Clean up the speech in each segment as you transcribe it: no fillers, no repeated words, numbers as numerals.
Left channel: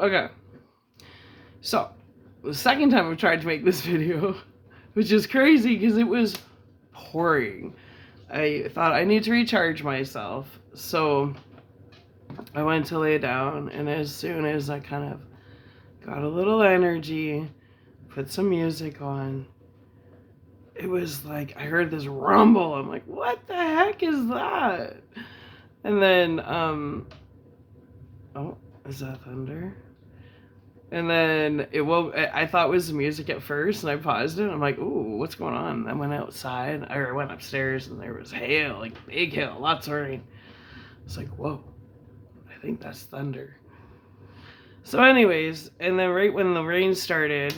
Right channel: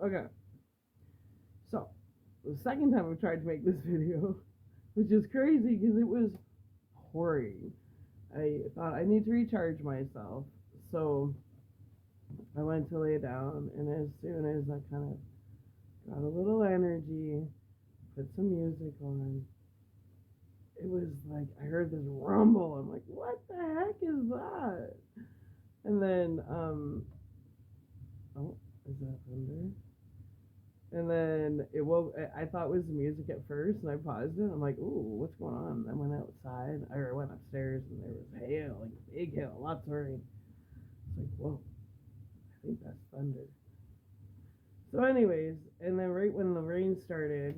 Okay. So, the second time I tried to make this video, which is crazy because it was pouring. I thought I need to recharge myself. So, I went to lay down, and as soon as I kind of got a little energy, put some music on, it was like I heard this rumble. I'm like, what the heck is that? And then, oh, is that thunder? And then it woke. I thought it was the music at first, and I paused it. I'm like, ooh, what's going on? I went outside, or I went upstairs, and there was hail, like big hail, lots of rain. It's like, whoa, I think that's thunder. So, anyways, and then right when the rain started,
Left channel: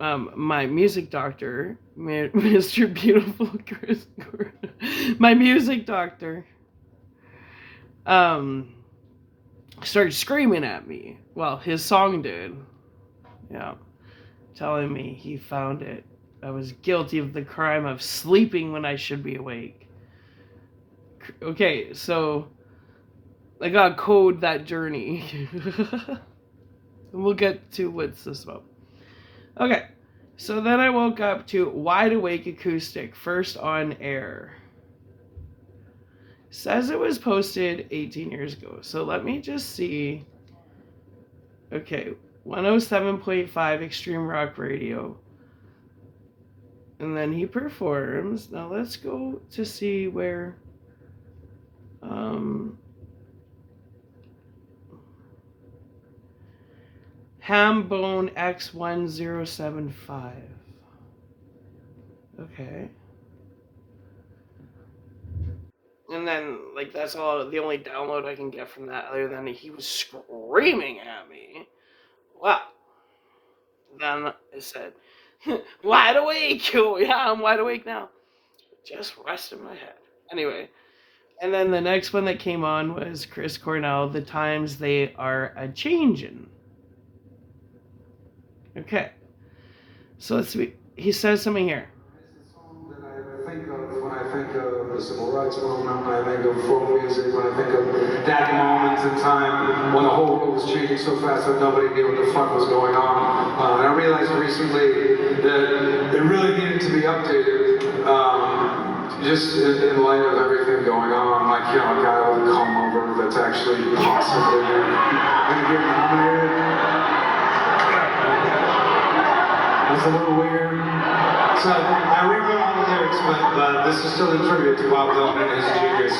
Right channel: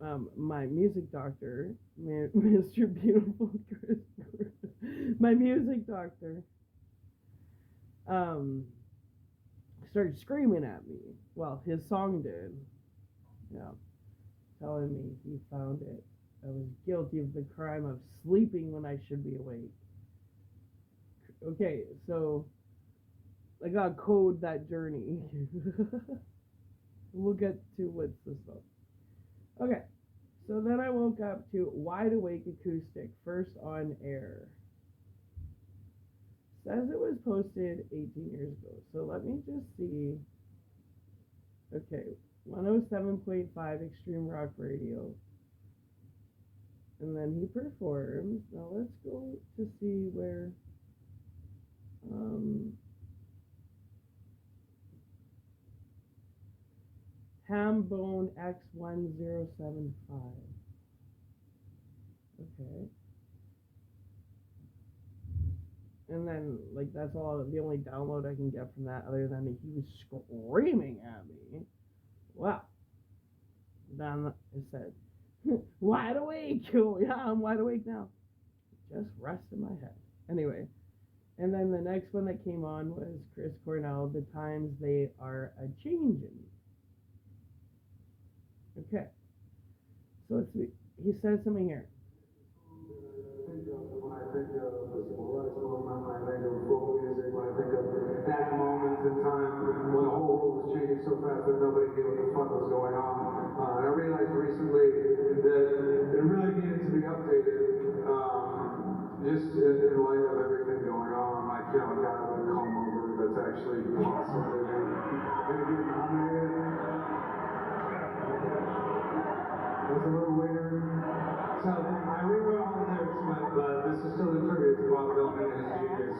my music doctor, Mr. Beautiful Chris Gordon, my music doctor, started screaming at me. Well, his song did. Yeah. Telling me he found it. I was guilty of the crime of sleeping when I should be awake. Okay, so I gotta code that journey. We'll get to what's this about. Okay, so then I woke up to Wide Awake Acoustic, first on air. Says it was posted 18 years ago. So let me just see. Okay, 107.5 Extreme Rock Radio. And then he performs. Now let's go to see where Hambone X1075. Okay. And then, like, that's all the only download I can get from that, other than he was screaming at me. Wow. Then I said, wide awake. Yeah, I'm wide awake now. Just rest in my head. Anyway. And then the next one that came on was Chris Cornell, The Times They Are A Changin'. Okay. So let's see. He says something here. It's a song that I think of when I think of the civil rights movement, when I think of folk music, when I think of that moment in time when the whole world was changing so fast that nobody knew what the fuck was going on. And I realized recently that it really needed to be updated. Just in light of everything going on, like, you know, a guy with a comb over that's actually possibly going to get nominated. That's a little weird. So I rewrote all the lyrics, but this is still a tribute to Bob Dylan and his genius.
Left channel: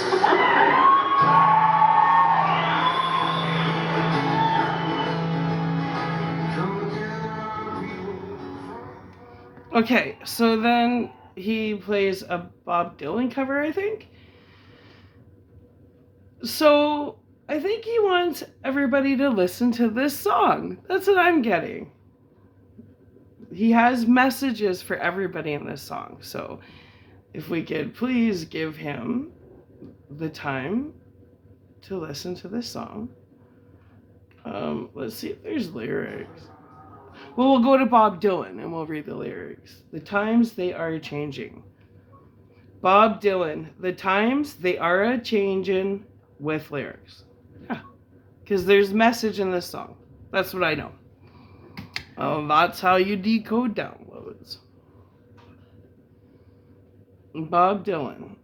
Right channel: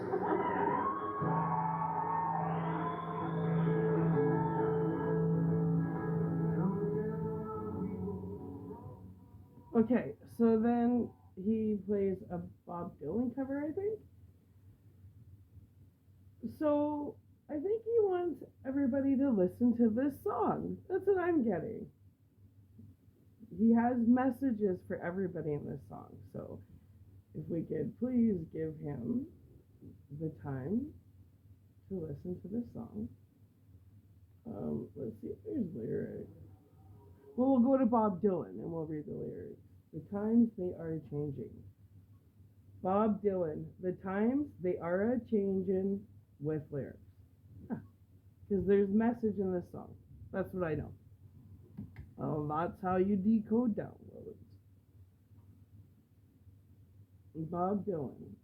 Okay, so then he plays a Bob Dylan cover, I think. So I think he wants everybody to listen to this song. That's what I'm getting. He has messages for everybody in this song. So if we could please give him the time to listen to this song. Let's see if there's lyrics. Well, we'll go to Bob Dylan and we'll read the lyrics. The times they are changing. Bob Dylan, the times they are a changing with lyrics. Yeah, because there's message in this song. That's what I know. That's how you decode downloads. Bob Dylan.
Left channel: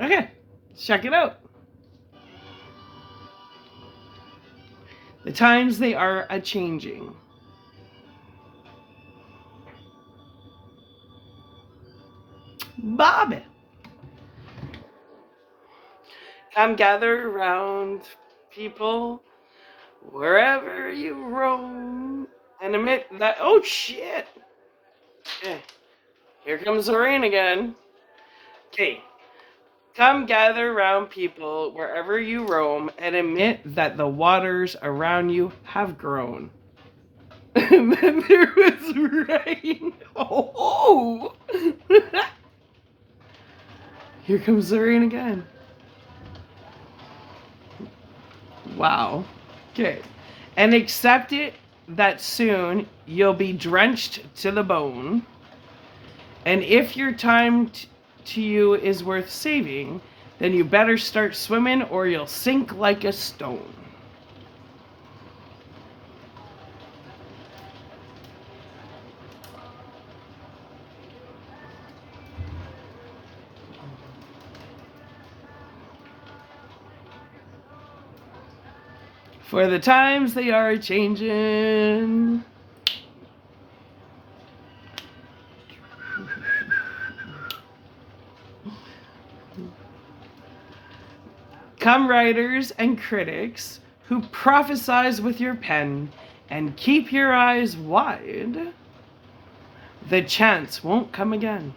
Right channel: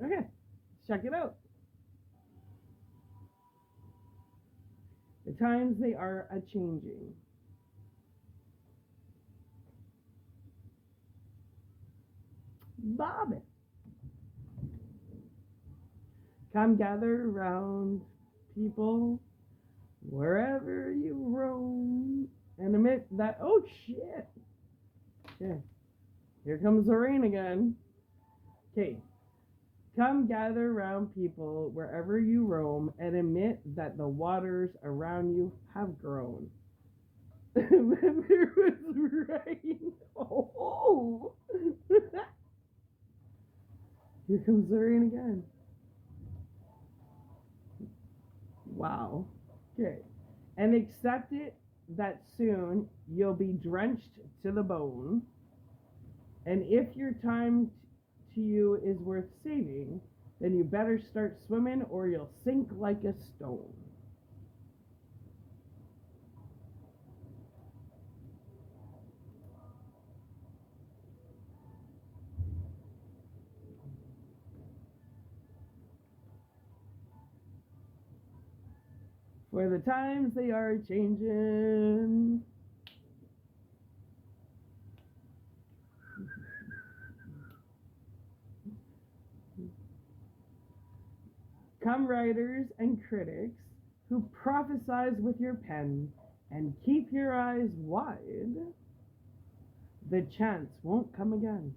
Okay, check it out. The times they are a changing. Bob. Come gather around, people, wherever you roam, and admit that, oh shit. Okay, here comes the rain again. Okay, come gather around, people, wherever you roam, and admit that the waters around you have grown. And then there was rain. Oh! Here comes the rain again. Wow. Okay. And accept it that soon you'll be drenched to the bone. And if your time to you is worth saving, then you better start swimming or you'll sink like a stone. For the times they are changing. Come writers and critics who prophesize with your pen and keep your eyes wide. The chance won't come again.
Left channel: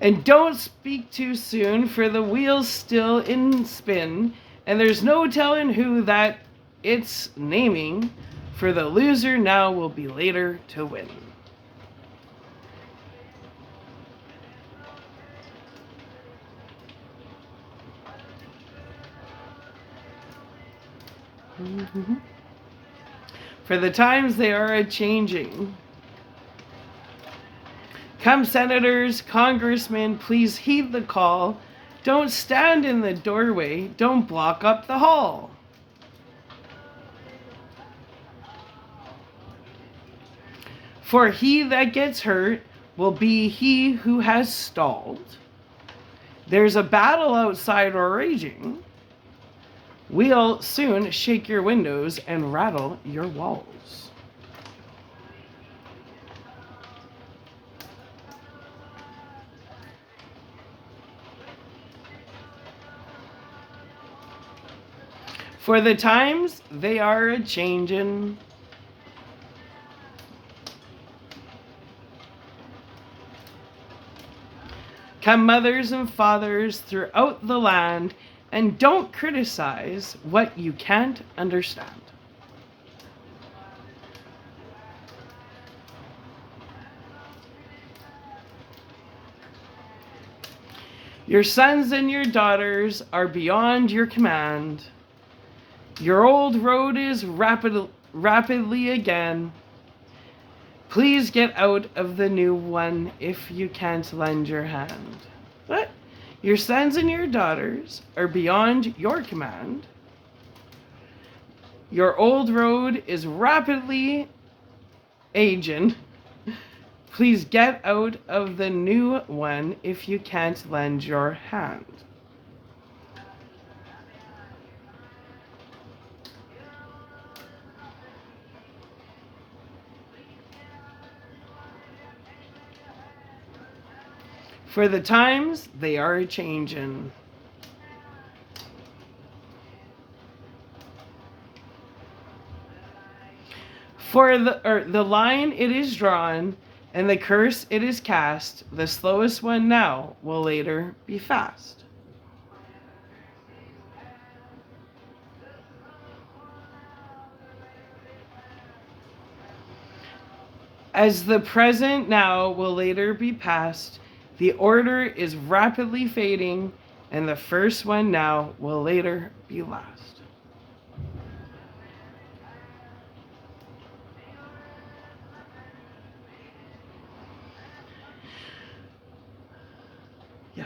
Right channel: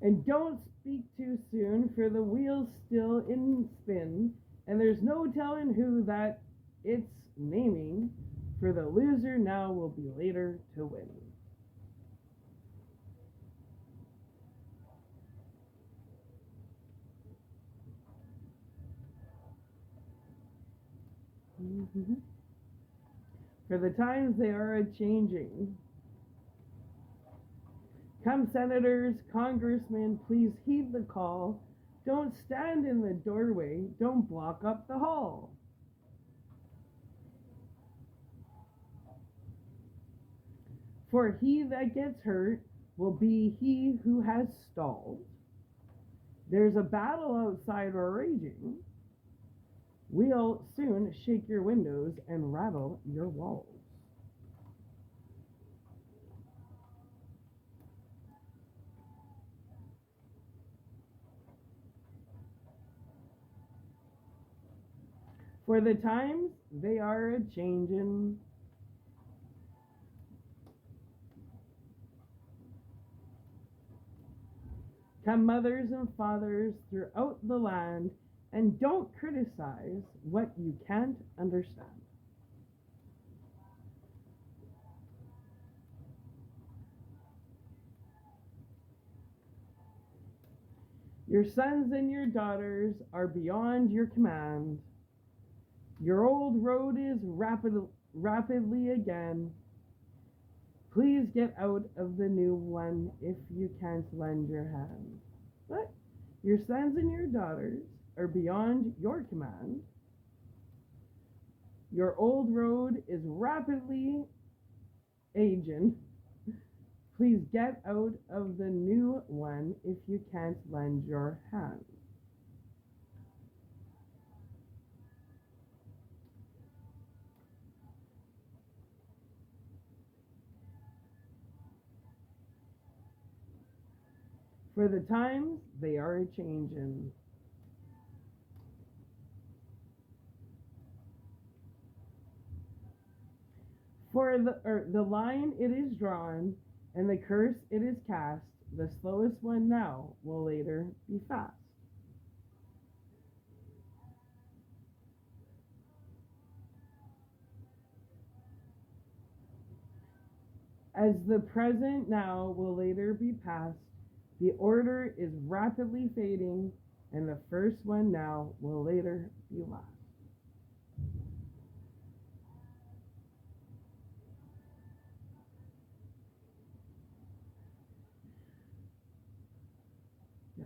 And don't speak too soon, for the wheel's still in spin, and there's no telling who that it's naming, for the loser now will be later to win. For the times they are a-changing. Come senators, congressmen, please heed the call. Don't stand in the doorway, don't block up the hall. For he that gets hurt will be he who has stalled. There's a battle outside or raging. We'll soon shake your windows and rattle your walls. For the times they are a-changin'. Come mothers and fathers throughout the land, and don't criticize what you can't understand. Your sons and your daughters are beyond your command. Your old road is rapidly again. Please get out of the new one if you can't lend your hand. What? Your sons and your daughters are beyond your command. Your old road is rapidly aging. Please get out of the new one if you can't lend your hand. For the times they are a-changin'. For the line it is drawn, and the curse it is cast, the slowest one now will later be fast. As the present now will later be past, the order is rapidly fading, and the first one now will later be last. Yeah.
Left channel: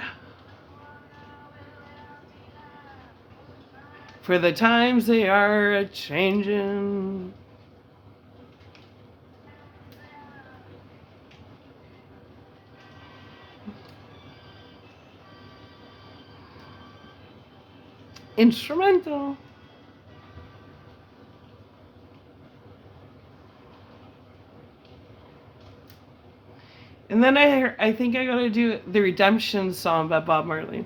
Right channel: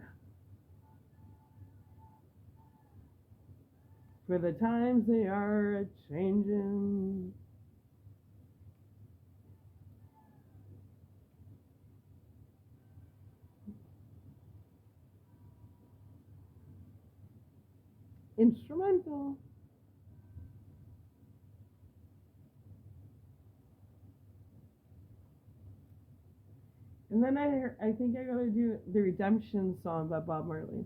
For the times they are a-changin'. Instrumental. And then I think I gotta do the Redemption song by Bob Marley.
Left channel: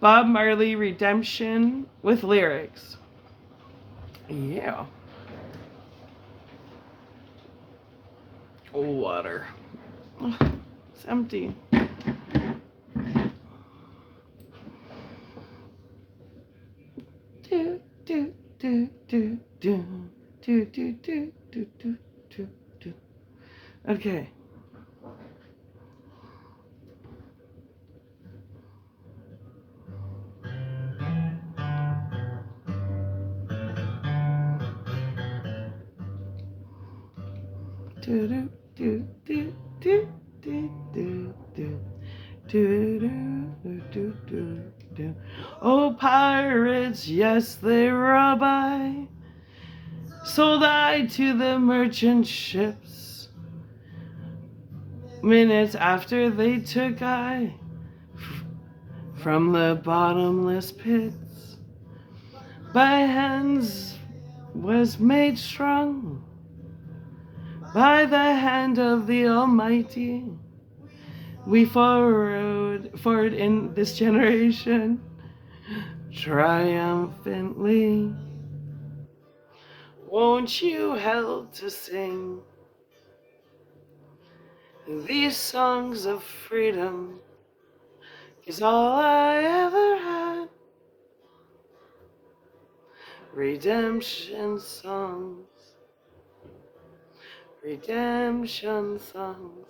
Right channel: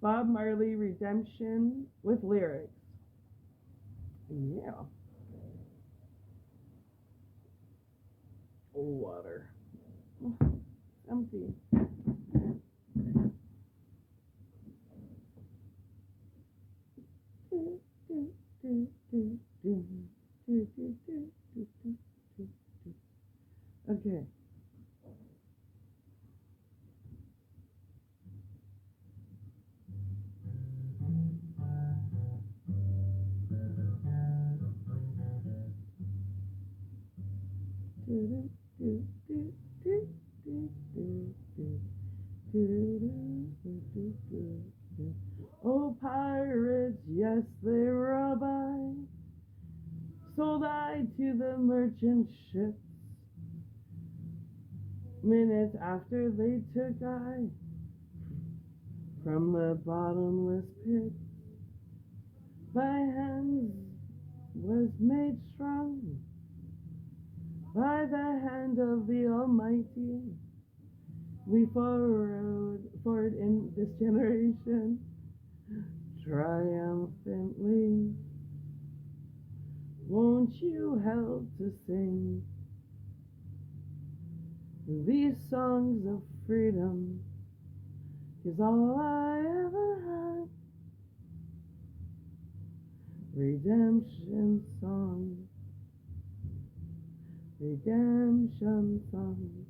Bob Marley, Redemption with lyrics. Yeah. Water. It's empty. Do, do, do, do, do, do, do, do, do, do, do. Okay. Do do do do do do do do. Do, do, do, do, do, do. Oh, pirates, yes, they rob I. Sold I to the merchant ships. Minutes after they took I from the bottomless pits. By hands was made strong by the hand of the Almighty. We forward in this generation triumphantly. Won't you help to sing these songs of freedom? 'Cause all I ever had, redemption songs, redemption songs.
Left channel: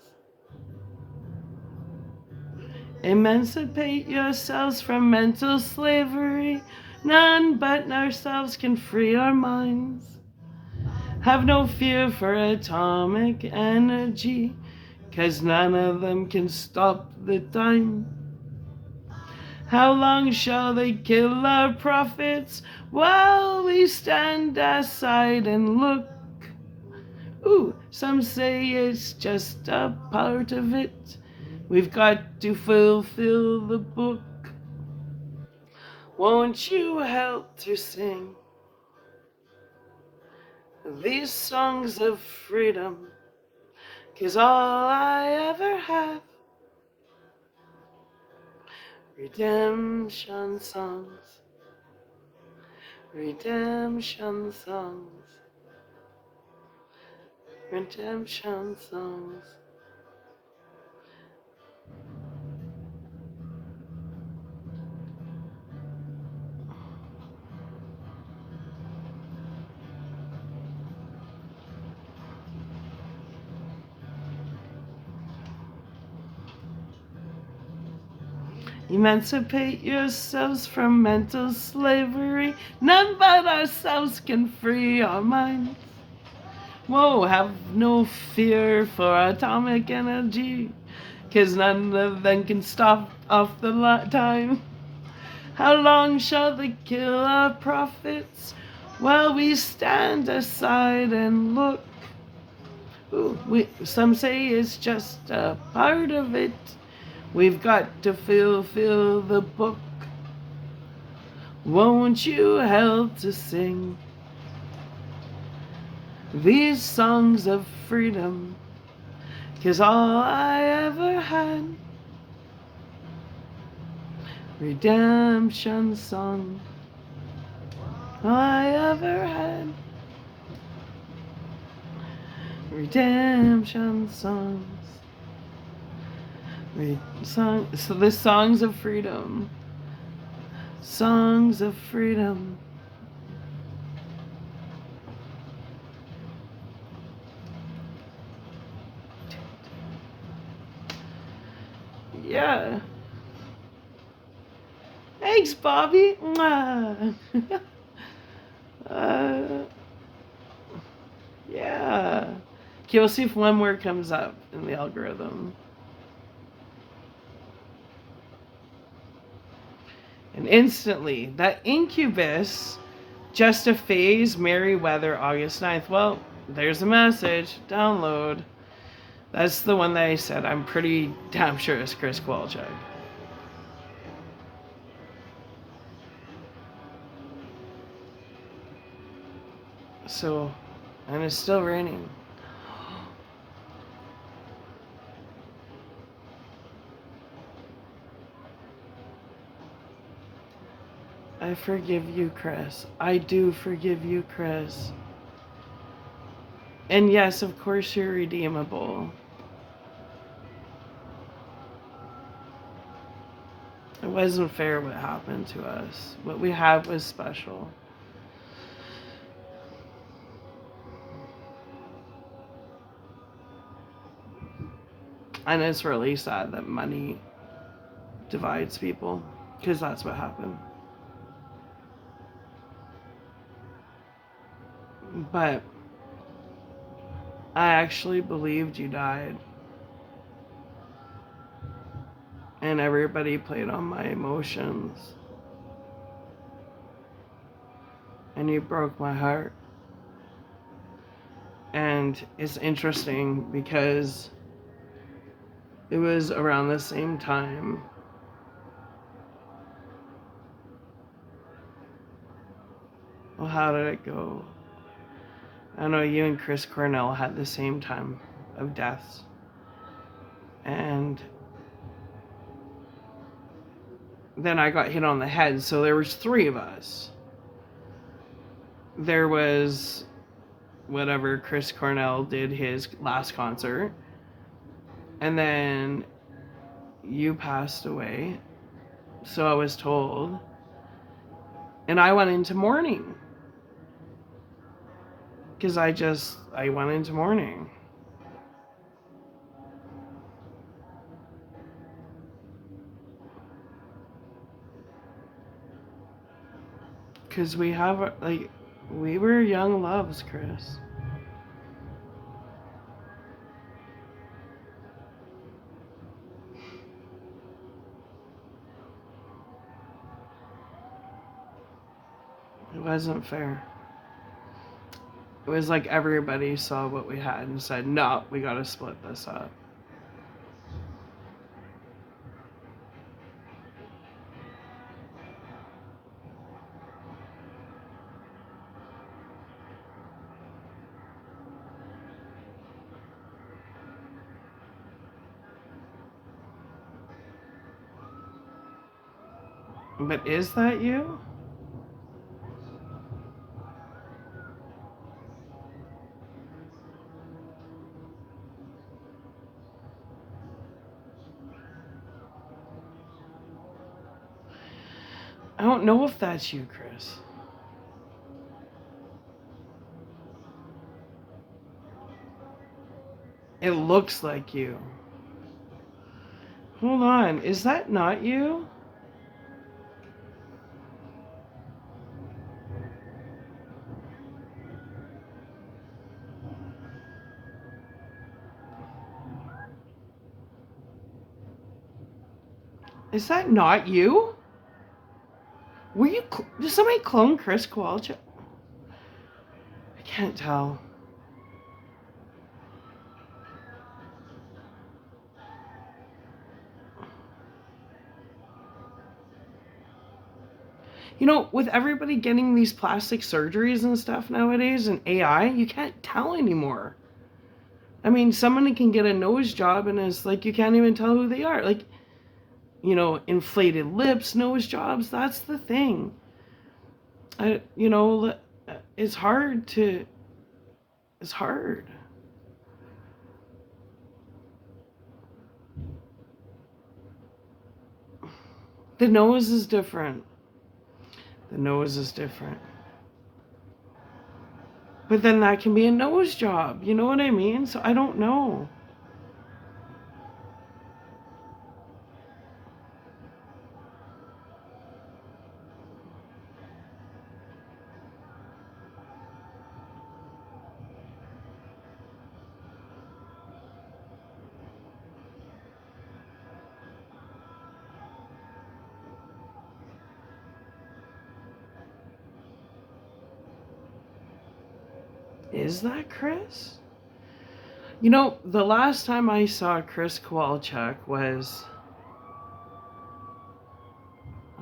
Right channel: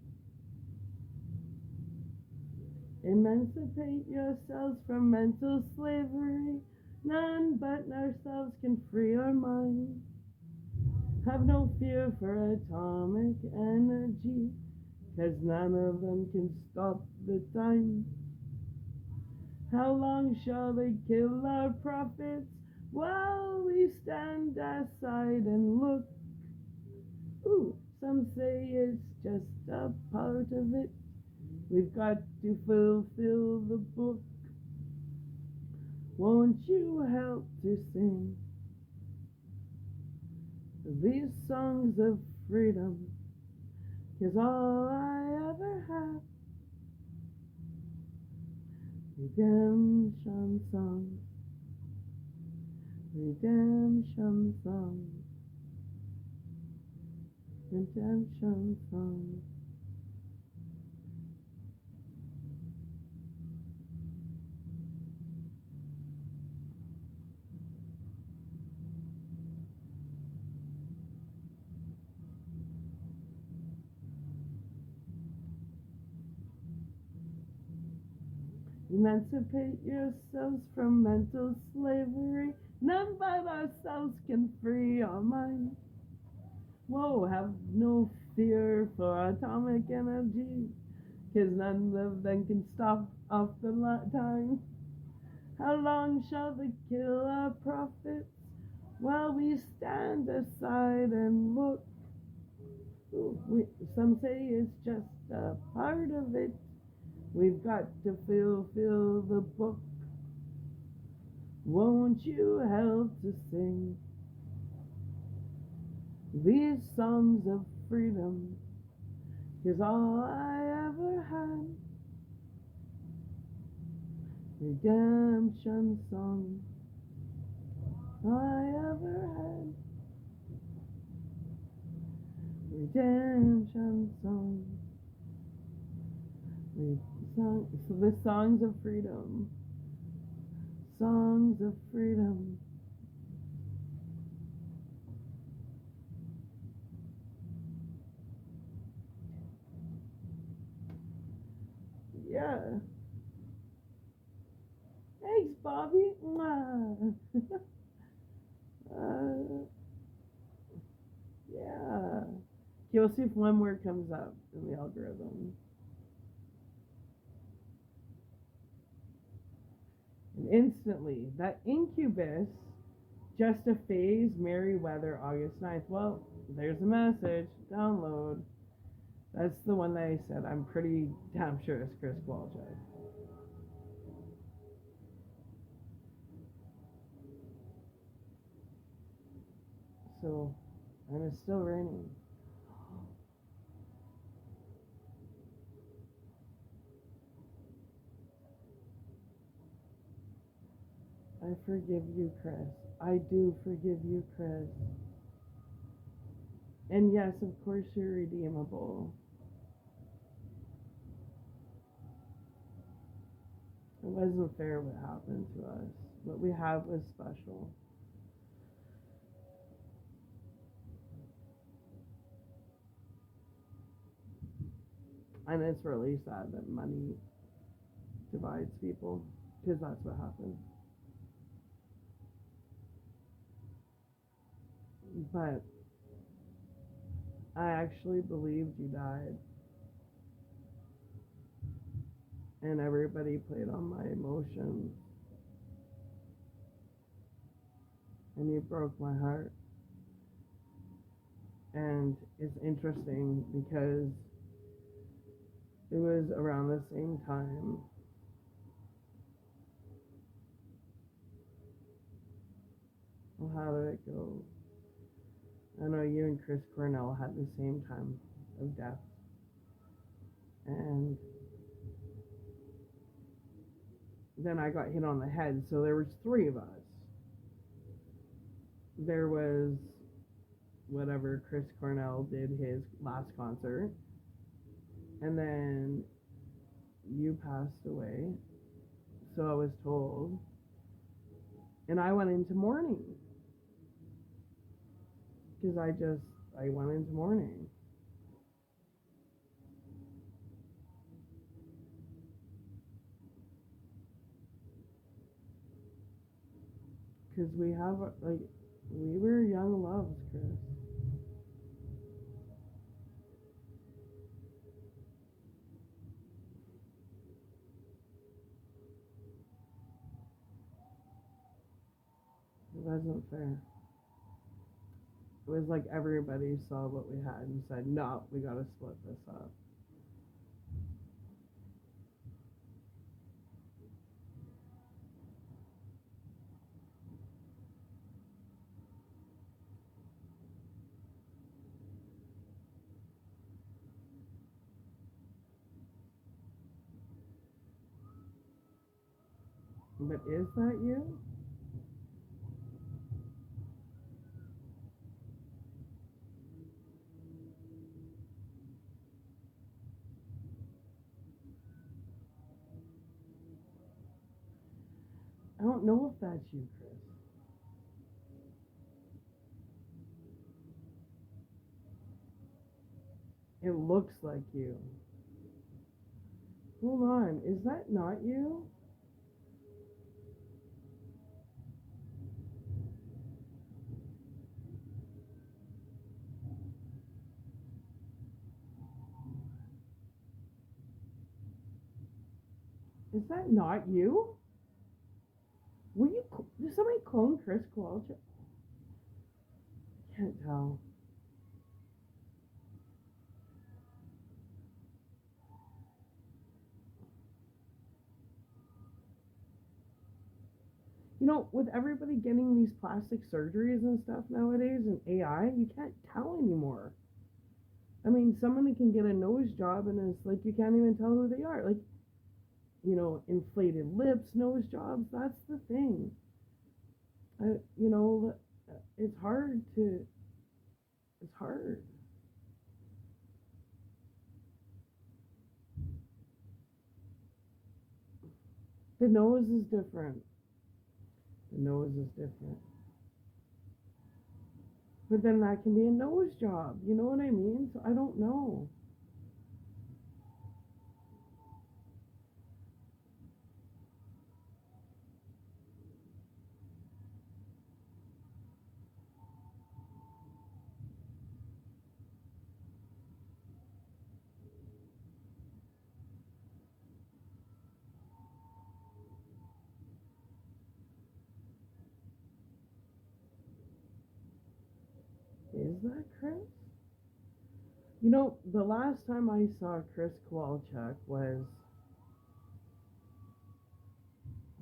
Emancipate yourselves from mental slavery. None but ourselves can free our minds. Have no fear for atomic energy, 'cause none of them can stop the time. How long shall they kill our prophets while we stand aside and look? Ooh, some say it's just a part of it. We've got to fulfill the book. Won't you help to sing these songs of freedom? 'Cause all I ever have, redemption songs, redemption songs, redemption songs. Emancipate yourselves from mental slavery. None but ourselves can free our minds. Whoa, have no fear for atomic energy, 'cause none of them can stop off the time. How long shall they kill our prophets while we stand aside and look? Ooh, some say it's just a part of it. We've got to fulfill the book. Won't you help to sing these songs of freedom? 'Cause all I ever had, redemption songs. All I ever had, redemption songs. So the songs of freedom. Songs of freedom. Yeah. Thanks, Bobby. Mwah. Yeah. Okay, we'll see if one more comes up in the algorithm. And instantly, that Incubus, just a phase, Merryweather, August 9th. Well, there's a message. Download. That's the one that I said. I'm pretty damn sure it's Chris Kowalczyk. So, and it's still raining. I forgive you, Chris. I do forgive you, Chris. And yes, of course, you're redeemable. It wasn't fair what happened to us. What we had was special. And it's really sad that money divides people, because that's what happened. But I actually believed you died. And everybody played on my emotions. And you broke my heart. And it's interesting because it was around the same time. Well, how did it go? I know you and Chris Cornell had the same time of deaths. And then I got hit on the head, so there was 3 of us. There was whatever Chris Cornell did his last concert, and then you passed away, so I was told, and I went into mourning because I went into mourning. Because we have, like, we were young loves, Chris. It wasn't fair. It was like everybody saw what we had and said, no, we gotta split this up. But is that you? I don't know if that's you, Chris. It looks like you. Hold on, is that not you? Is that not you? Were you? Did somebody clone Chris Kowalczyk? I can't tell. You know, with everybody getting these plastic surgeries and stuff nowadays and AI, you can't tell anymore. I mean, somebody can get a nose job and it's like you can't even tell who they are. Like, you know, inflated lips, nose jobs, that's the thing. You know, it's hard to, it's hard. The nose is different. The nose is different. But then that can be a nose job. You know what I mean? So I don't know. Is that Chris? You know, the last time I saw Chris Kowalczyk was,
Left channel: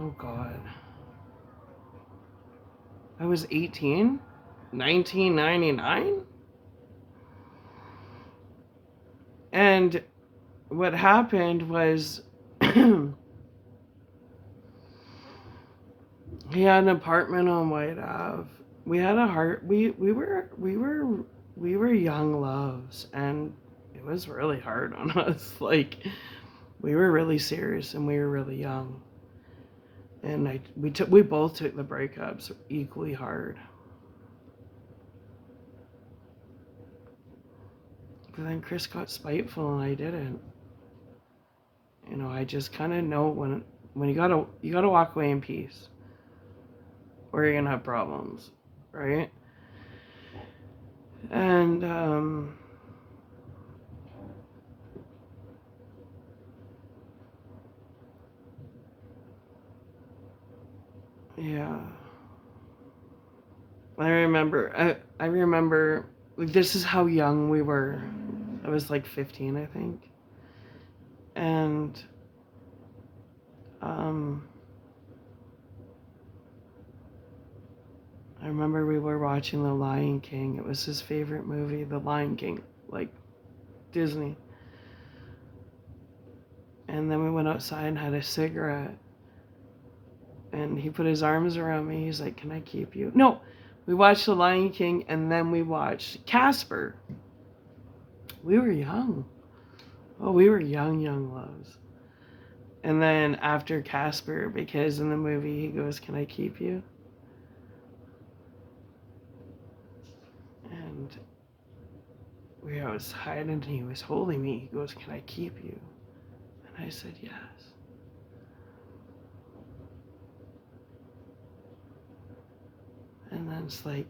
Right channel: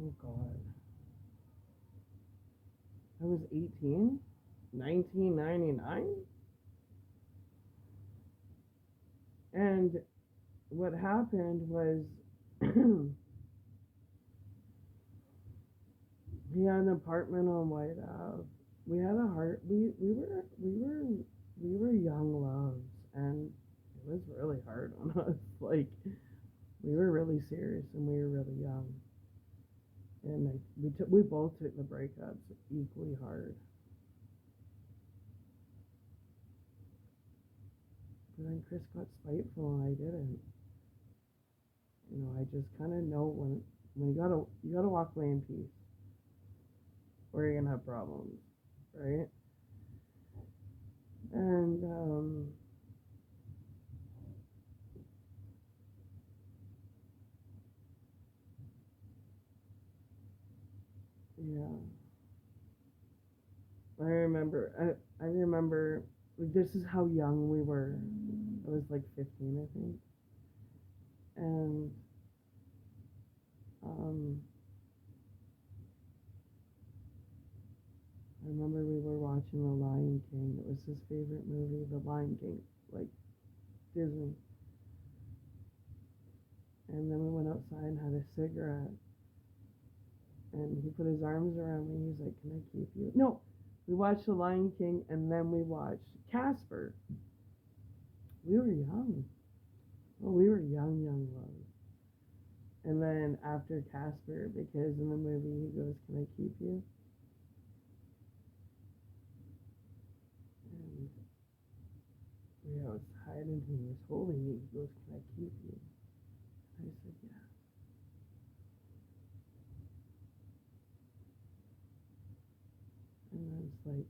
oh God, I was 18, 1999. And what happened was he had an apartment on White Ave. We had a heart. We were young loves, and it was really hard on us. Like, we were really serious, and we were really young. And we both took the breakups equally hard. But then Chris got spiteful, and I didn't. You know, I just kind of know when you gotta walk away in peace, or you're gonna have problems, right? And Yeah. I remember like, this is how young we were. I was like 15, I think. And um I remember we were watching The Lion King. It was his favorite movie, The Lion King, like Disney. And then we went outside and had a cigarette. And he put his arms around me. He's like, "Can I keep you?" No, we watched The Lion King and then we watched Casper. We were young. Oh, we were young, young loves. And then after Casper, because in the movie he goes, "Can I keep you?" And I was hiding and he was holding me. He goes, "Can I keep you?" And I said, "Yes." And then it's like,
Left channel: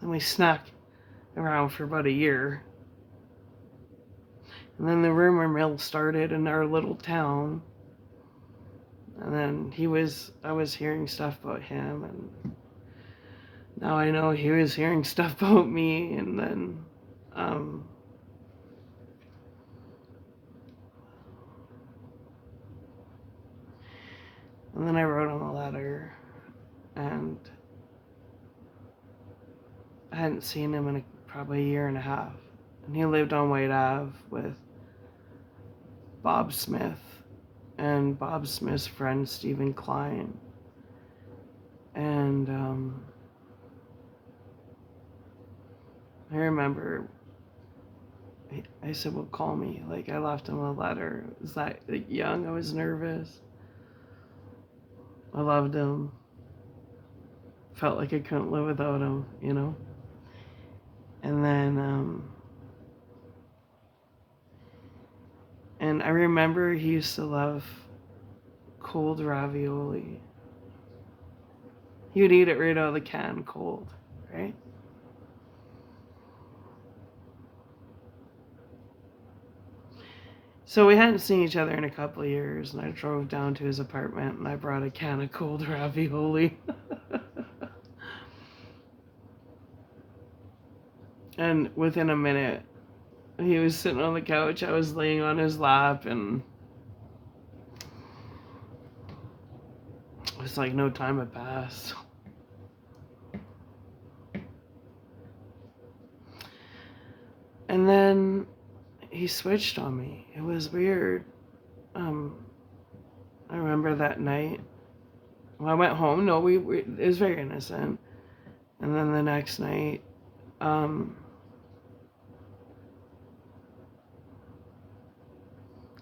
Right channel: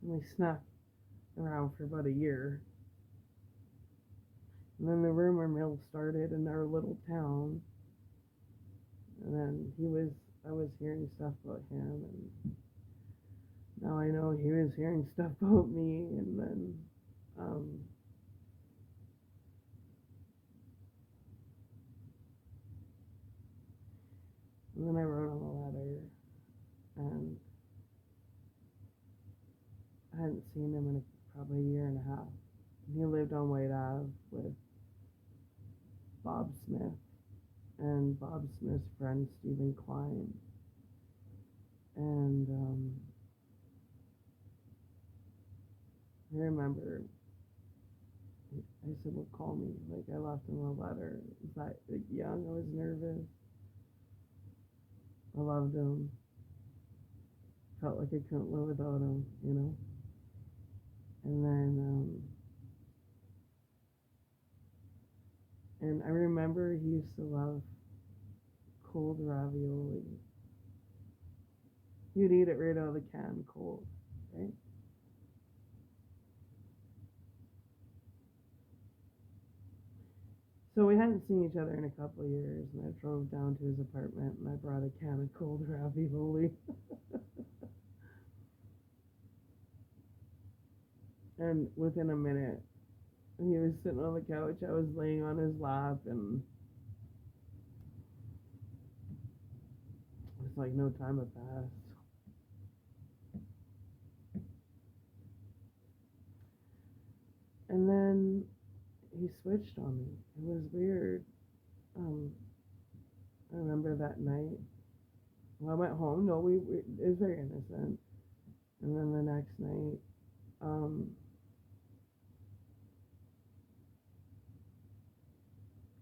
then we snuck around for about a year. And then the rumor mill started in our little town. And then I was hearing stuff about him. And now I know he was hearing stuff about me. And then, um, and then I wrote him a letter. And I hadn't seen him in probably a year and a half. And he lived on White Ave with Bob Smith and Bob Smith's friend Stephen Klein. And I remember I said, "Well, call me." Like, I left him a letter. It was that like, young. I was nervous. I loved him. Felt like I couldn't live without him, you know? And then, and I remember he used to love cold ravioli. He would eat it right out of the can cold, right? So we hadn't seen each other in a couple of years, and I drove down to his apartment and I brought a can of cold ravioli. And within a minute, he was sitting on the couch, I was laying on his lap, and it was like no time had passed. And then he switched on me. It was weird. I remember that night. When I went home, no, it was very innocent. And then the next night,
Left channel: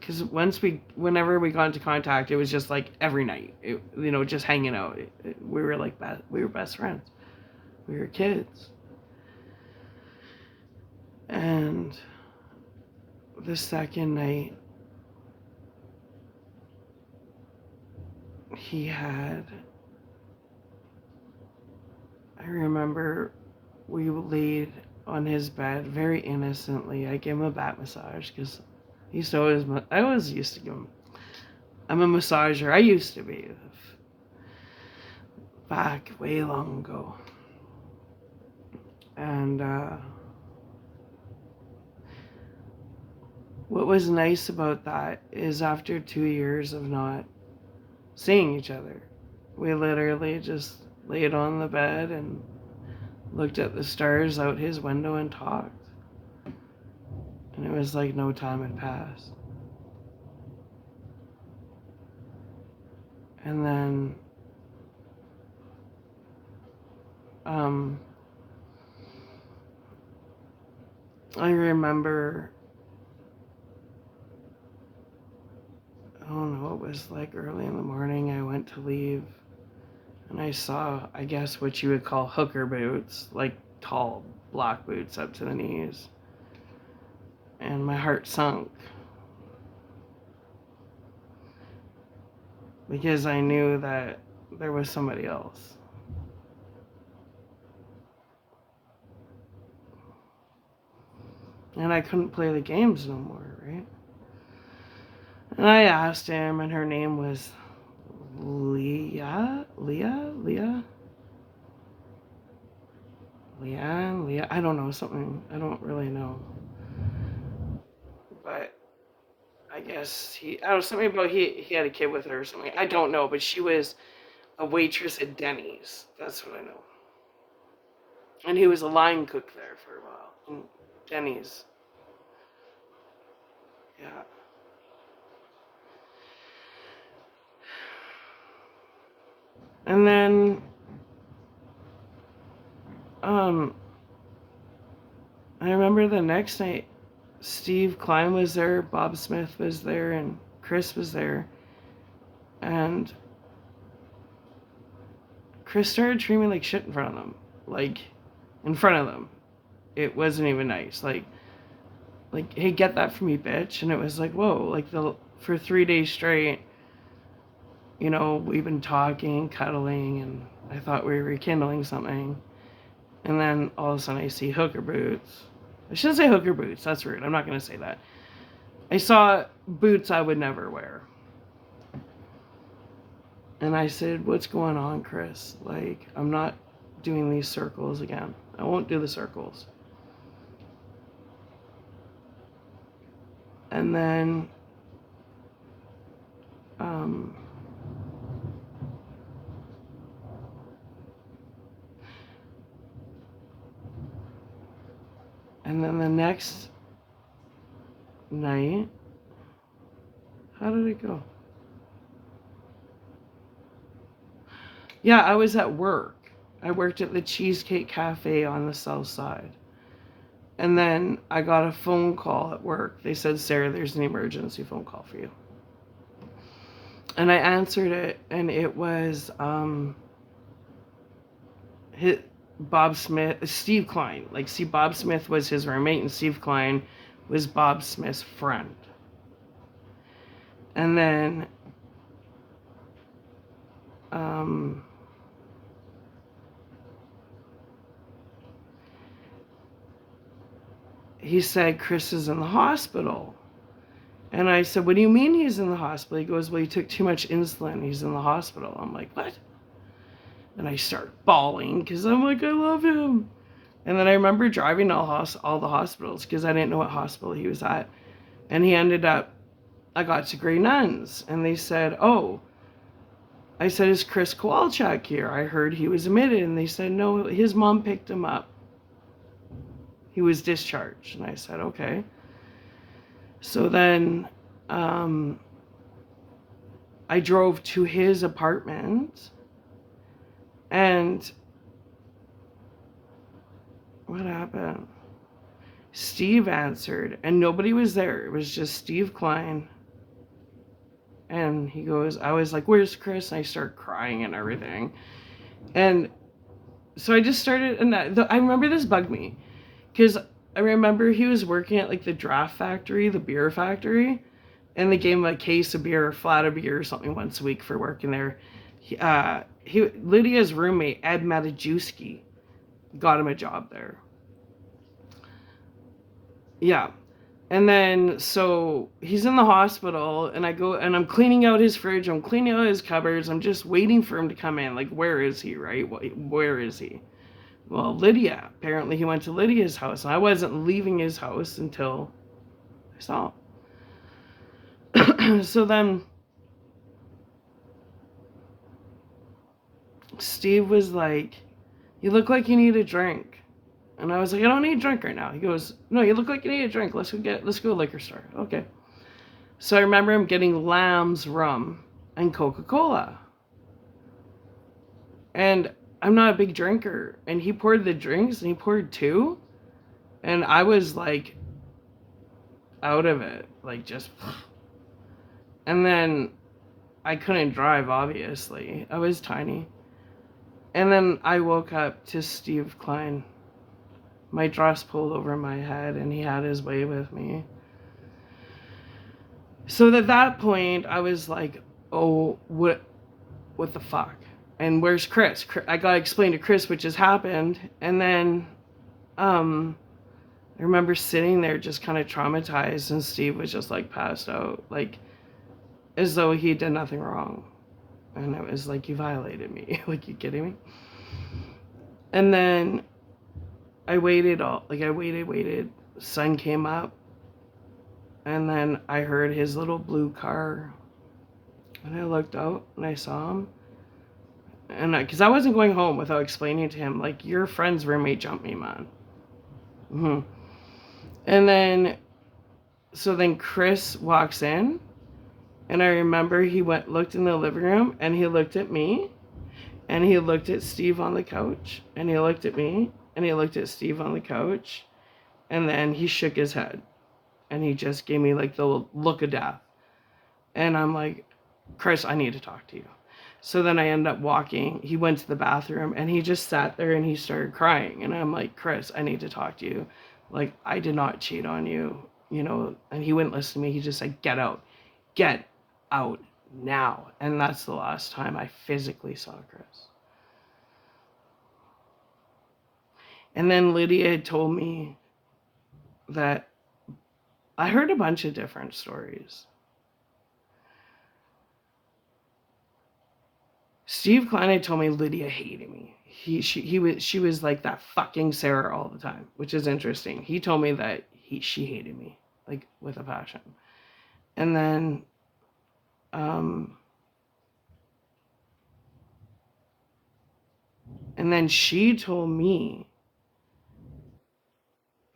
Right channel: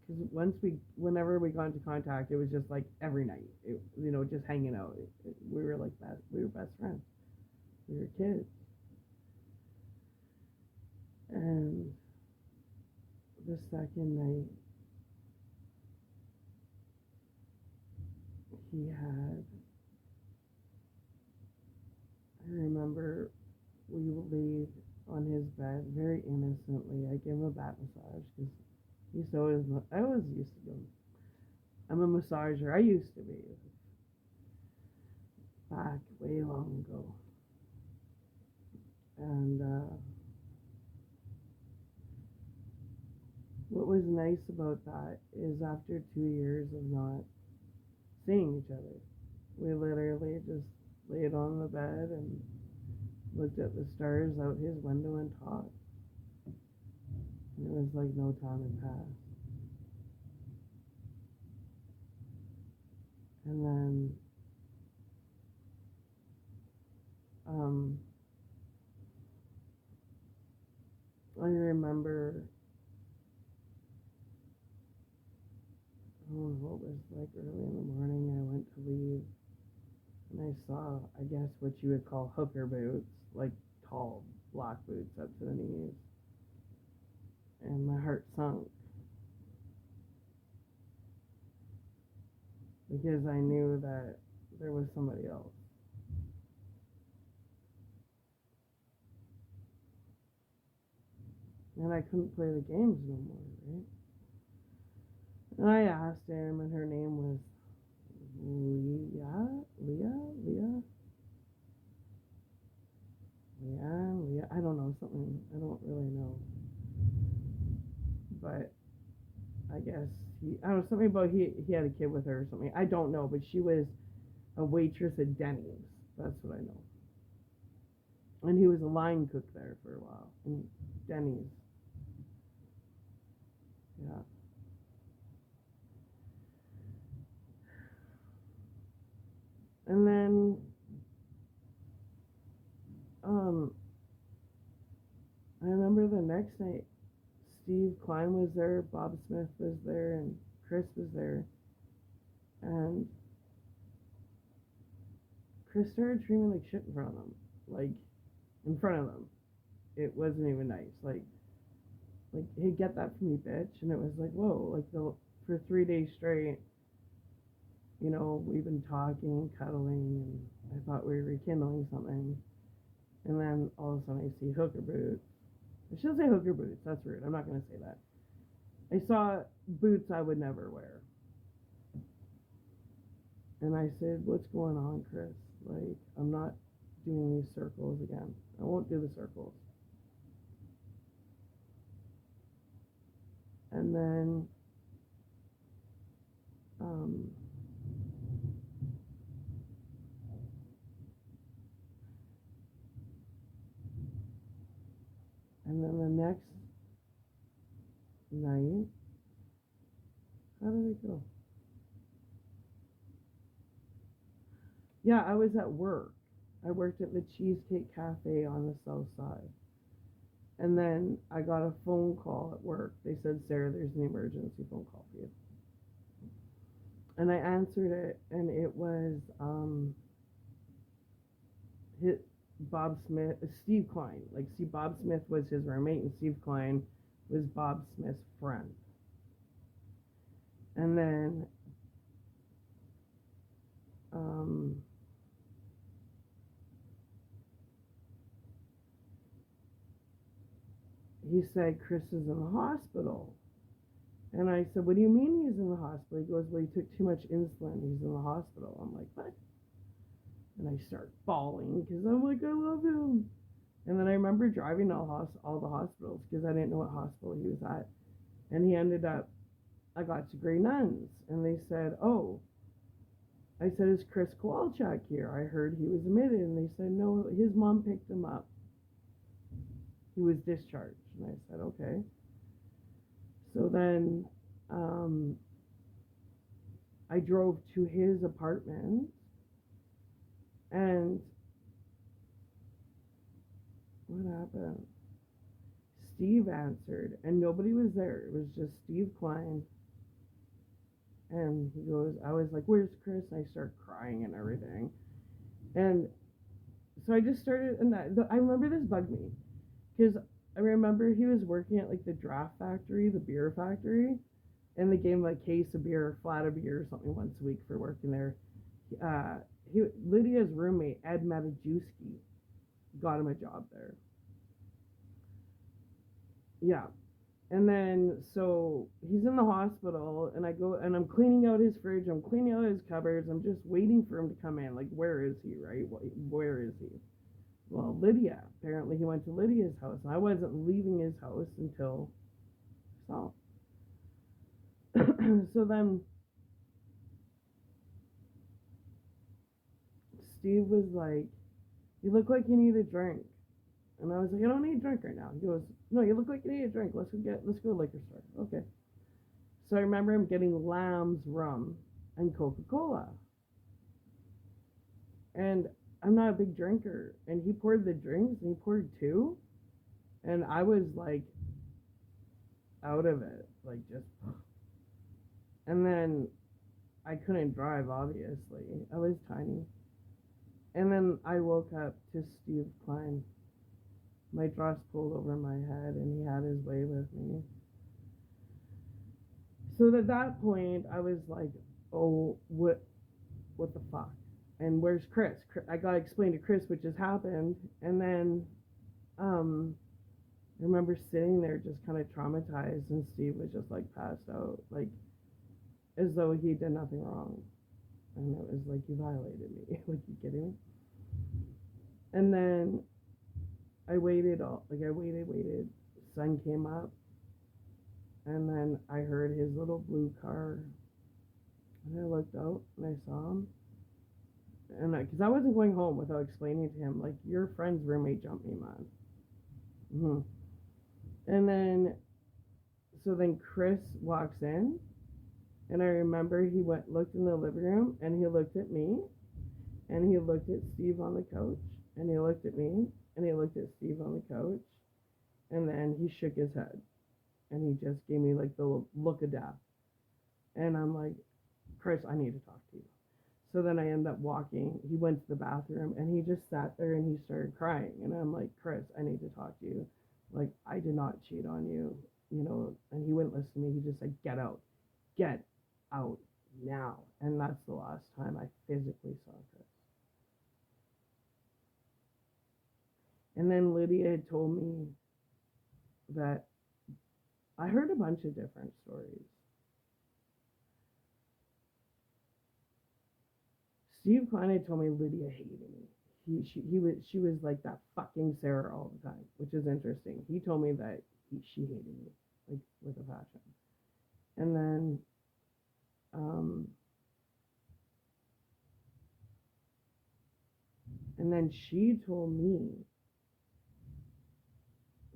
because whenever we got into contact, it was just like every night, just hanging out. We were like we were best friends. We were kids. And the second night, I remember we laid on his bed very innocently. I gave him a back massage because I always used to give him. I'm a massager. I used to be back way long ago. And what was nice about that is after 2 years of not seeing each other, we literally just laid on the bed and looked at the stars out his window and talked. And it was like no time had passed. And then I remember, I don't know, it was like early in the morning. I went to leave and I saw, I guess, what you would call hooker boots, like tall black boots up to the knees. And my heart sunk because I knew that there was somebody else. And I couldn't play the games no more, right? And I asked him, and her name was Leah. don't know, something, I don't really know. But I guess I don't know, something about he had a kid with her or something. I don't know, but she was a waitress at Denny's. That's what I know. And he was a line cook there for a while. Denny's. Yeah. And then, I remember the next night, Steve Klein was there, Bob Smith was there, and Chris was there. And Chris started treating me like shit in front of them. Like, in front of them. It wasn't even nice. Like, hey, get that from me, bitch. And it was like, whoa, like, for 3 days straight, you know, we've been talking, cuddling, and I thought we were rekindling something. And then all of a sudden I see hooker boots. I shouldn't say hooker boots. That's rude. I'm not going to say that. I saw boots I would never wear. And I said, what's going on, Chris? Like, I'm not doing these circles again. I won't do the circles. And then, the next night, how did it go? Yeah, I was at work. I worked at the Cheesecake Cafe on the South Side. And then I got a phone call at work. They said, Sarah, there's an emergency phone call for you. And I answered it, and it was Bob Smith, Steve Klein. Like, see, Bob Smith was his roommate, and Steve Klein was Bob Smith's friend. And then, he said, Chris is in the hospital. And I said, what do you mean he's in the hospital? He goes, well, he took too much insulin. He's in the hospital. I'm like, what? And I start bawling because I'm like, I love him. And then I remember driving to all the hospitals because I didn't know what hospital he was at. And he ended up, I got to Grey Nuns. And they said, oh, I said, is Chris Kowalczyk here? I heard he was admitted. And they said, no, his mom picked him up. He was discharged. And I said, okay. So then I drove to his apartment, and what happened? Steve answered, and nobody was there. It was just Steve Klein. And he goes, I was like, where's Chris? And I start crying and everything. And so I just started, and I remember this bugged me, because I remember he was working at like the draft factory, the beer factory, and they gave him a case of beer, a flat of beer or something once a week for working there. Lydia's roommate, Ed Matajewski, got him a job there. Yeah. And then, so he's in the hospital, and I go, and I'm cleaning out his fridge, I'm cleaning out his cupboards, I'm just waiting for him to come in. Like, where is he, right? Where is he? Well, Lydia. Apparently he went to Lydia's house. And I wasn't leaving his house until I saw him. So then Steve was like, you look like you need a drink. And I was like, I don't need a drink right now. He goes, no, you look like you need a drink. Let's go to a liquor store. Okay. So I remember him getting Lamb's rum and Coca-Cola. And I'm not a big drinker. And he poured the drinks, and he poured 2. And I was like out of it. Like, just. And then I couldn't drive, obviously. I was tiny. And then I woke up to Steve Klein. My dress pulled over my head, and he had his way with me. So at that point, I was like, oh, what the fuck? And where's Chris? I got to explain to Chris what just happened. And then I remember sitting there just kind of traumatized, and Steve was just like passed out, like as though he did nothing wrong. And it was like, you violated me. Like, you kidding me? And then I waited waited. Sun came up, and then I heard his little blue car, and I looked out and I saw him, and because I wasn't going home without explaining to him, like, your friend's roommate jumped me, man. Hmm. And then, so then Chris walks in, and I remember he looked in the living room, and he looked at me, and he looked at Steve on the couch, and he looked at me, and he looked at Steve on the couch, and then he shook his head, and he just gave me like the look of death. And I'm like, Chris, I need to talk to you. So then I end up walking. He went to the bathroom, and he just sat there and he started crying. And I'm like, Chris, I need to talk to you. Like, I did not cheat on you, you know. And he wouldn't listen to me. He just said, get out now. And that's the last time I physically saw Chris. And then Lydia had told me that I heard a bunch of different stories. Steve Klein had told me Lydia hated me. She was like that fucking Sarah all the time, which is interesting. He told me that she hated me, like, with a passion. And then um she told me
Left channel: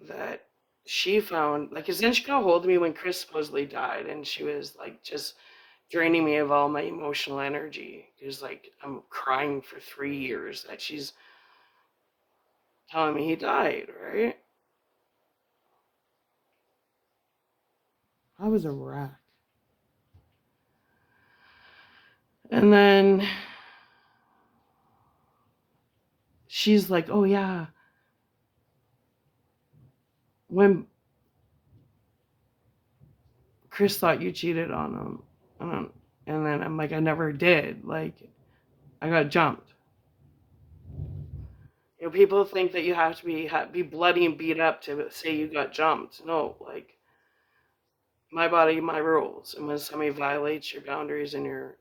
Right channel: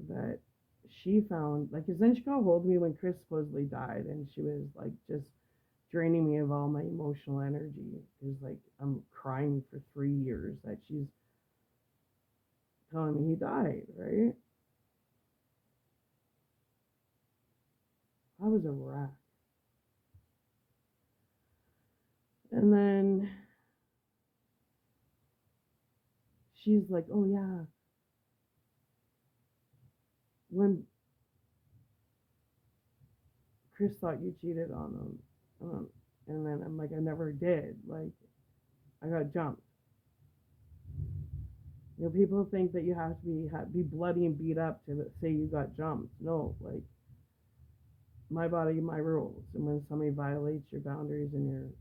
that she found, like, cause then she got a hold of me when Chris supposedly died, and she was like just draining me of all my emotional energy. Because, like, I'm crying for 3 years that she's telling me he died, right? I was a wreck. And then she's like, oh yeah, when Chris thought you cheated on him. And then I'm like, I never did. Like, I got jumped. You know, people think that you have to be bloody and beat up to say you got jumped. No, like, my body, my rules. And when somebody violates your boundaries and your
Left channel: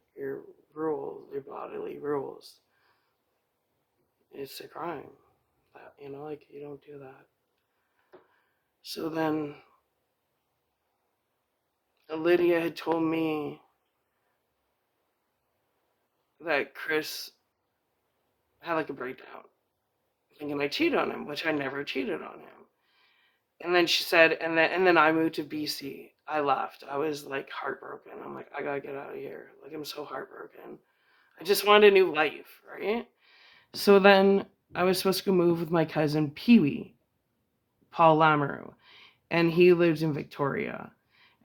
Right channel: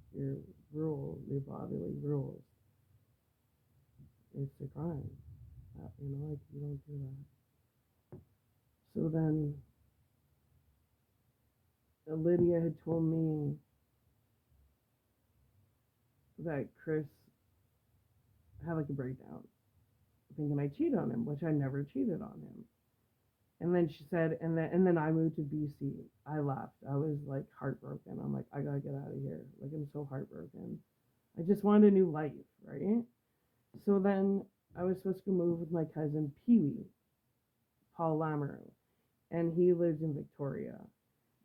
rules, your bodily rules, it's a crime. You know, like, you don't do that. So then Lydia had told me that Chris had like a breakdown, thinking I cheated on him, which I never cheated on him. And then she said, and then I moved to BC. I left. I was like heartbroken. I'm like, I gotta get out of here. Like, I'm so heartbroken. I just wanted a new life, right? So then I was supposed to go move with my cousin Pee Wee, Paul Lamoureux, and he lived in Victoria,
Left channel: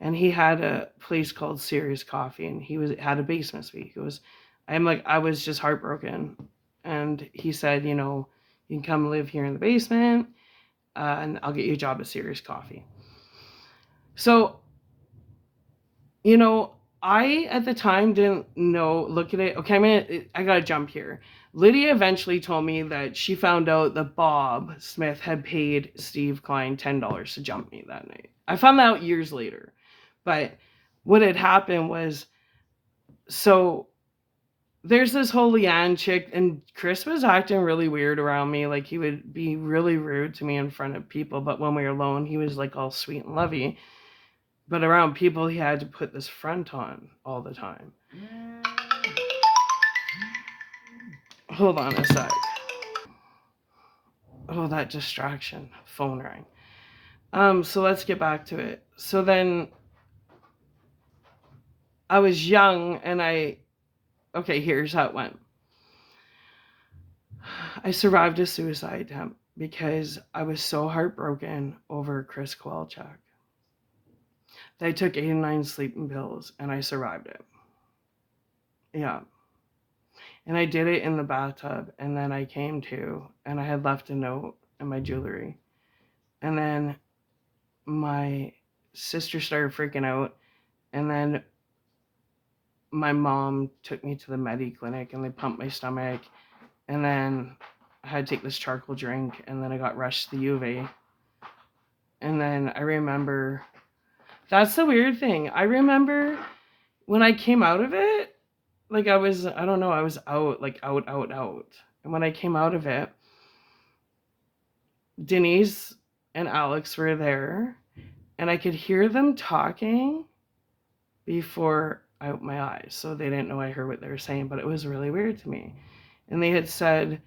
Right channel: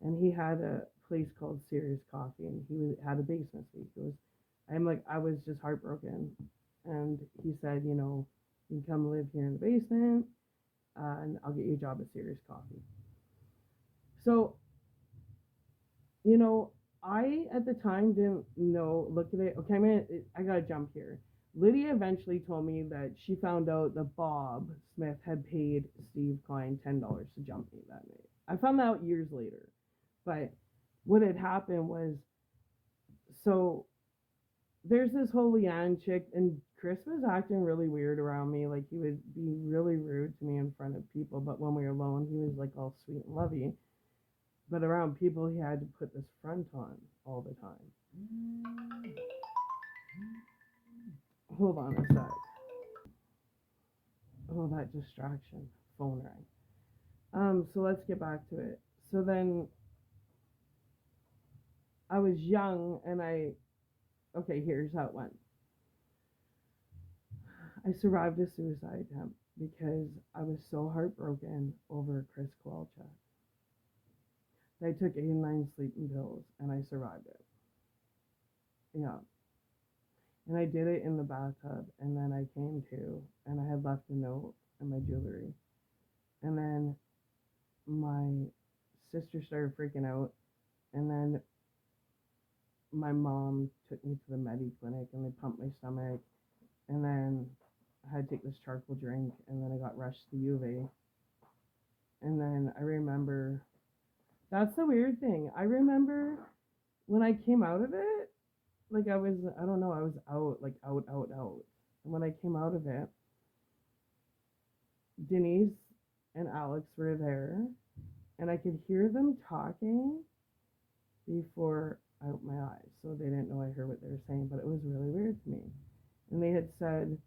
and he had a place called Serious Coffee, and he had a basement suite. He goes, I was just heartbroken, and he said, you know, you can come live here in the basement, and I'll get you a job at Serious Coffee. So, you know, I at the time didn't know. Look at it. Okay, I gotta jump here. Lydia eventually told me that she found out that Bob Smith had paid Steve Klein $10 to jump me that night. I found that out years later. But what had happened was, so there's this whole Leanne chick, and Chris was acting really weird around me. Like, he would be really rude to me in front of people, but when we were alone, he was like all sweet and lovey. But around people, he had to put this front on all the time. Hold on a sec. Oh, that distraction. Phone rang. So let's get back to it. So then I was young, and okay, here's how it went. I survived a suicide attempt because I was so heartbroken over Chris Kowalczyk. They took 89 sleeping pills, and I survived it. Yeah. And I did it in the bathtub, and then I came to, and I had left a note in my jewelry. And then my sister started freaking out, and then my mom took me to the Medi clinic, and they pumped my stomach, and then I had to take this charcoal drink, and then I got rushed to the U of A. And then I remember, that's the weird thing. I remember when I came out of it, like, I don't know, I was out, like out. And when I came out of it, Denise and Alex were there, and I could hear them talking before I opened my eyes. So they didn't know I heard what they were saying, but it was really weird to me. And they had said,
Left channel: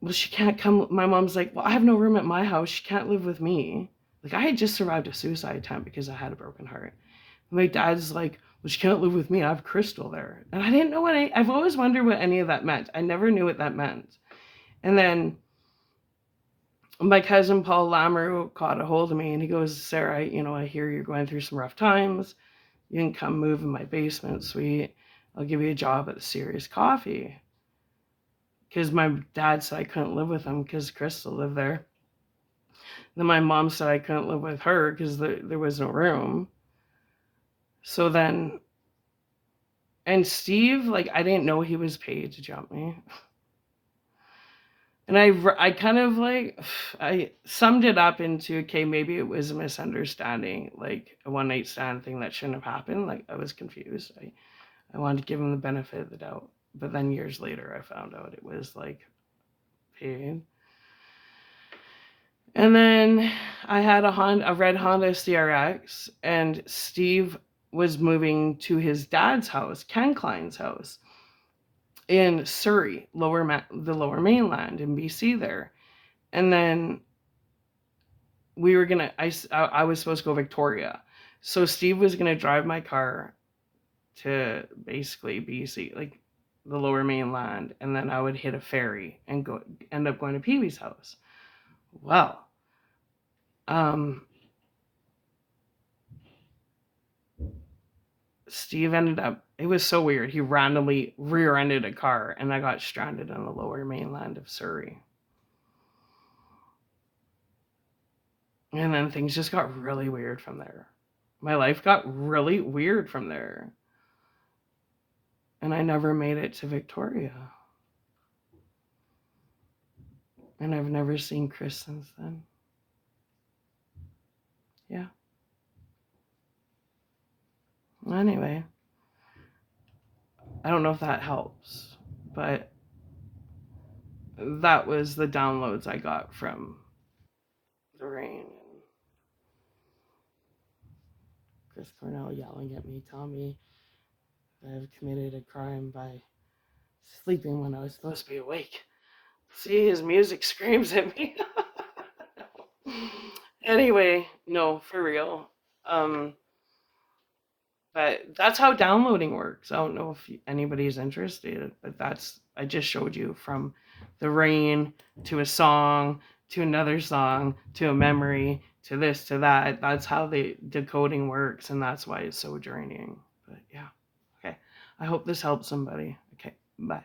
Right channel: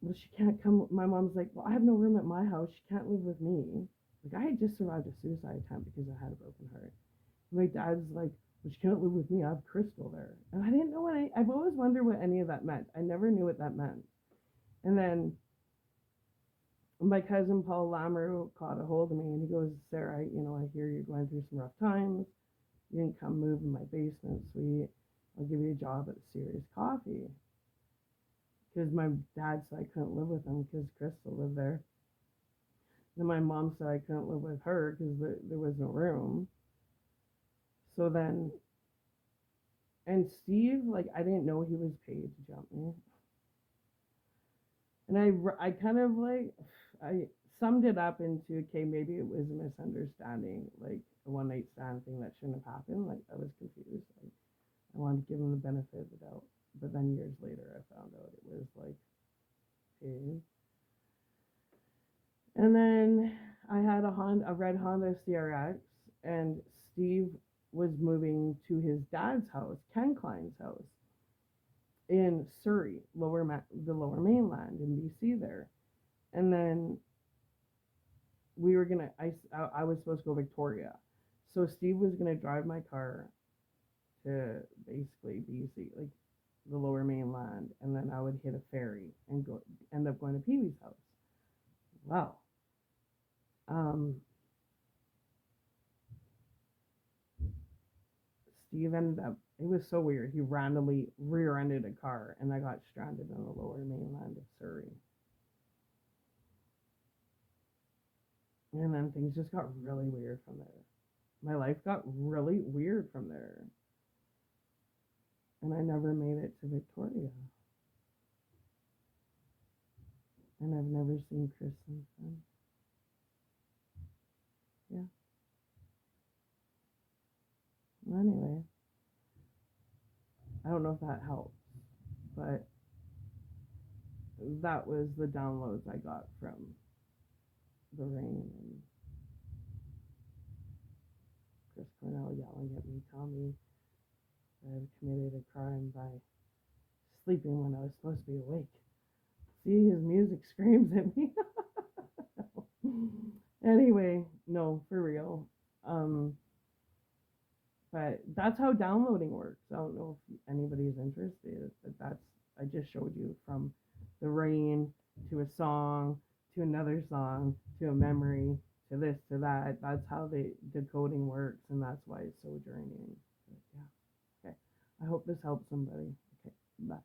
well, she can't come. My mom's like, well, I have no room at my house. She can't live with me. Like, I had just survived a suicide attempt because I had a broken heart. And my dad's like, well, she can't live with me. I have Crystal there. And I didn't know I've always wondered what any of that meant. I never knew what that meant. And then my cousin Paul Lammer caught a hold of me and he goes, Sarah, I hear you're going through some rough times. You can come move in my basement suite. I'll give you a job at the Serious Coffee. Because my dad said I couldn't live with him because Crystal lived there. Then my mom said I couldn't live with her because there was no room. So then, and Steve, like, I didn't know he was paid to jump me. And I kind of like, I summed it up into, okay, maybe it was a misunderstanding, like a one night stand thing that shouldn't have happened. Like, I was confused. I wanted to give him the benefit of the doubt. But then years later, I found out it was like paid. And then I had a red Honda CRX, and Steve was moving to his dad's house, Ken Klein's house, in Surrey, the lower mainland in BC there. And then we were gonna, I was supposed to go Victoria. So Steve was gonna drive my car to basically BC, like the lower mainland, and then I would hit a ferry and end up going to Pee Wee's house. Well, Steve ended up, it was so weird. He randomly rear-ended a car and I got stranded on the lower mainland of Surrey. And then things just got really weird from there. My life got really weird from there. And I never made it to Victoria. And I've never seen Chris since then. Yeah. Anyway, I don't know if that helps, but that was the downloads I got from the rain and Chris Cornell yelling at me, telling me that I've committed a crime by sleeping when I was supposed to be awake. See, his music screams at me. Anyway, no, for real. But that's how downloading works. I don't know if anybody's interested, but I just showed you from the rain to a song to another song to a memory to this to that. That's how the decoding works, and that's why it's so draining. But yeah, okay. I hope this helps somebody. Okay, bye.